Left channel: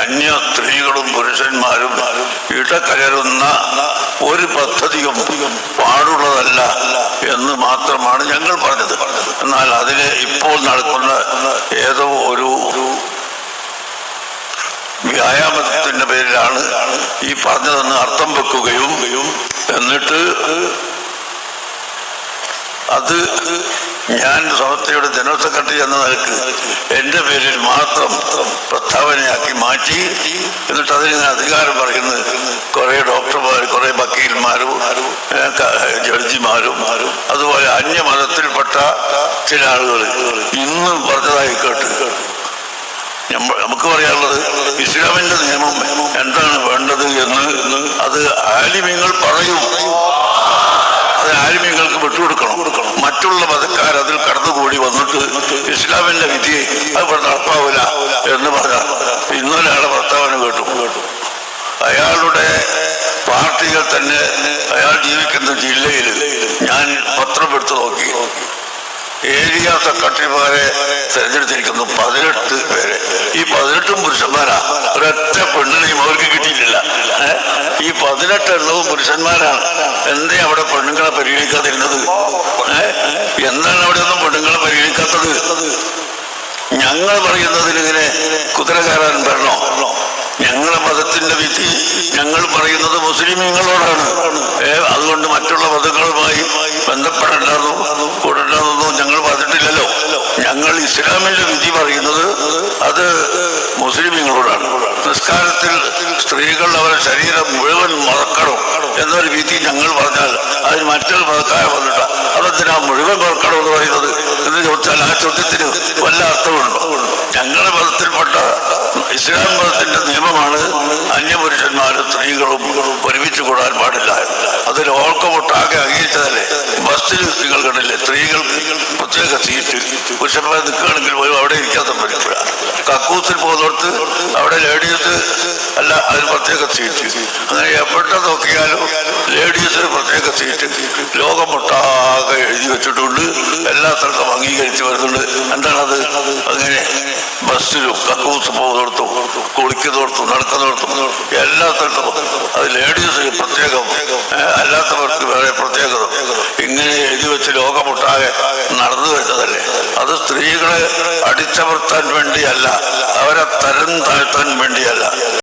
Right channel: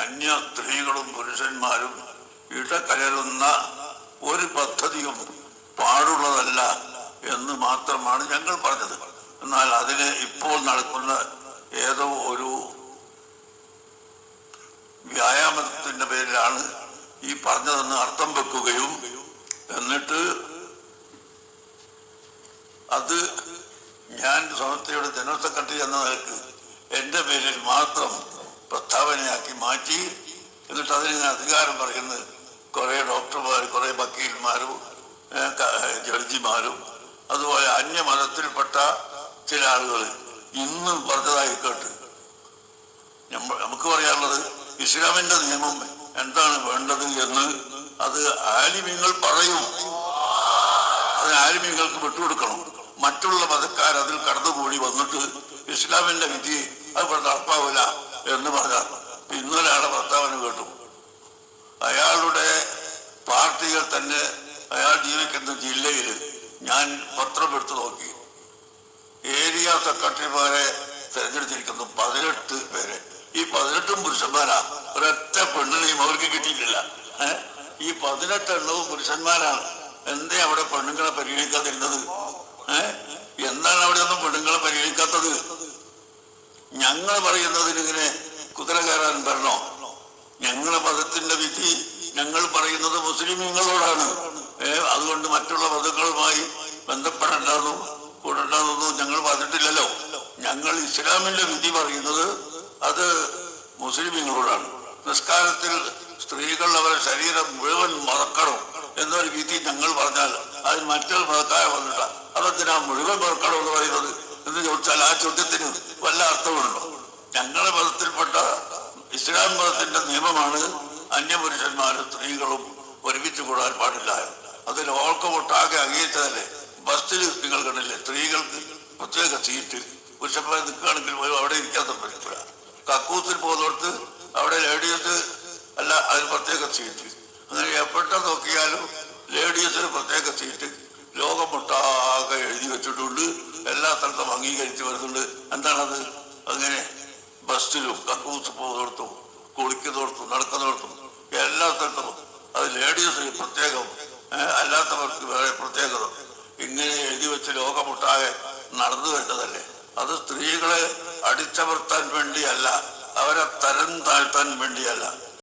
അന്യ സ്ത്രീകളും പുരുഷന്മാരും ഇടകലരുന്ന ഒരു പദ്ധതിയും പാടുള്ളതല്ല എന്ന് മാത്രമാണ് ഞങ്ങൾ പറഞ്ഞത്. എന്നാൽ അതിന് ഇപ്പോൾ നടക്കുന്ന ഏതോ ഒരു വ്യായാമത്തിന്റെ പേരിലാണ് ഈ പറഞ്ഞതെന്ന് അർത്ഥം വെക്കുകയും എന്നിട്ട് അത് ഞാൻ സമസ്തയുടെ ജനറൽ സെക്രട്ടറി എന്ന നിലക്ക് എൻ്റെ പേരിൽ മാത്രം പ്രസ്താവനയാക്കി മാറ്റി എന്നിട്ട് അതിന് അധികാരം പറയുന്നത് കുറേ ഡോക്ടർമാർ, കുറേ വക്കീൽമാരും ജഡ്ജിമാരും അതുപോലെ അന്യമതത്തിൽപ്പെട്ട ചില ആളുകൾ ഇന്നും പറഞ്ഞതായി കേട്ട് നമുക്ക് പറയാനുള്ളത് ഇസ്ലാമിന്റെ നിയമം എന്താണ് വേണ്ടത് എന്ന് അത് ആലിമ്യങ്ങൾ പറയും. അത് ആലിമ്യങ്ങൾക്ക് വിട്ടുകൊടുക്കണം. മറ്റുള്ള മതക്കാർ അതിൽ കടന്നുകൂടി വന്നിട്ട് ഇസ്ലാമിന്റെ വിധിയെ അത് നടപ്പാവില്ല എന്ന് പറഞ്ഞാൽ ഇന്നലെ ആളെ പ്രസ്താവന കേട്ടു. അയാളുടെ പാർട്ടികൾ തന്നെ അയാൾ ജീവിക്കുന്ന ജില്ലയിൽ ഞാൻ പത്രം എടുത്തു നോക്കി. ഏരിയ സെക്രട്ടറിമാരെ തെരഞ്ഞെടുത്തിരിക്കുന്നു 18 പേരെ. ഈ 18 പുരുഷന്മാരാ. ഒരൊറ്റ പെണ്ണിനെയും അവർക്ക് കിട്ടിയിട്ടില്ല. ഈ 18 എണ്ണവും പുരുഷന്മാരാണ്. എന്തേ അവിടെ പെണ്ണുങ്ങളെ പരിഗണിക്കാതിരുന്നത്? എന്താണ് അവിടെ ഒന്നും പെണ്ണുങ്ങളെ പരിഗണിക്കാത്തത്? ഞങ്ങൾ പറയുന്നതിനിങ്ങനെ കുതിര കയറാൻ വരണോ? ഞങ്ങളുടെ മതത്തിന്റെ വിധി ഞങ്ങൾ പറയുന്നത് മുസ്ലിമീങ്ങളോടാണ്. അതുകൊണ്ട് മറ്റുള്ള മതങ്ങളുമായി ബന്ധപ്പെടേണ്ടതും കൂടേണ്ടതൊന്നും ഞങ്ങൾ പറഞ്ഞിട്ടില്ലല്ലോ. ഞങ്ങൾ ഇസ്ലാമിന്റെ വിധി പറയുന്നത് അത് മുസ്ലിമീങ്ങളോടാണ്. നിസ്കാരത്തിൽ സ്ത്രീകൾ അവരുടെ ശരീരം മുഴുവൻ മറക്കണം എന്നൊരു വിധി ഞങ്ങൾ പറഞ്ഞാൽ അതിന് മറ്റൊരു മതക്കാരെ വന്നിട്ട അതെന്തിനാ മുഴുവൻ മറക്കണം എന്ന് പറയുന്നത് എന്ന് ചോദിച്ചാൽ ആ ചോദ്യത്തിന് വല്ല അർത്ഥമുണ്ടോ? ഞങ്ങളുടെ മതത്തിൽപ്പെട്ട ഇസ്ലാം മതത്തിന്റെ നിയമമാണ് അന്യപുരുഷന്മാരും സ്ത്രീകളും ഒരുമിച്ച് കൂടാൻ പാടില്ല. അത് ലോകമൊട്ടാകെ അംഗീകരിച്ചതല്ലേ. ബസ്സിൽ നിങ്ങൾ കണ്ടില്ലേ, സ്ത്രീകൾക്ക് പ്രത്യേക സീറ്റ്, പുരുഷന്മാർ നിൽക്കുകയാണെങ്കിൽ പോലും അവിടെ ഇരിക്കാൻ പറ്റില്ല. കക്കൂസിൽ പോകുന്നിടത്ത് അവിടെ ലേഡീസ് അല്ല, അതിന് പ്രത്യേക സീറ്റ്. അങ്ങനെ എവിടെ നോക്കിയാലും ലേഡീസിന് പ്രത്യേക സീറ്റ് ലോകമൊട്ടാകെ എഴുതി വെച്ചിട്ടുണ്ട്. എല്ലാ സ്ഥലത്തും അംഗീകരിച്ച് വരുന്നുണ്ട്. എന്താണത്? അങ്ങനെ ബസ്സിലും കക്കൂസ് പോകുന്നിടത്തും കുളിക്കുന്നിടത്തും നടക്കുന്നിടത്തും എല്ലാ സ്ഥലത്തും അത് ലേഡീസിന് പ്രത്യേകം, അല്ലാത്തവർക്ക് വേറെ പ്രത്യേകത ഇങ്ങനെ എഴുതി വെച്ച് ലോകമൊട്ടാകെ നടന്നു വരുന്നതല്ലേ. അത് സ്ത്രീകളെ അടിച്ചമർത്താൻ വേണ്ടിയല്ല, അവരെ തരം താഴ്ത്താൻ വേണ്ടിയല്ല.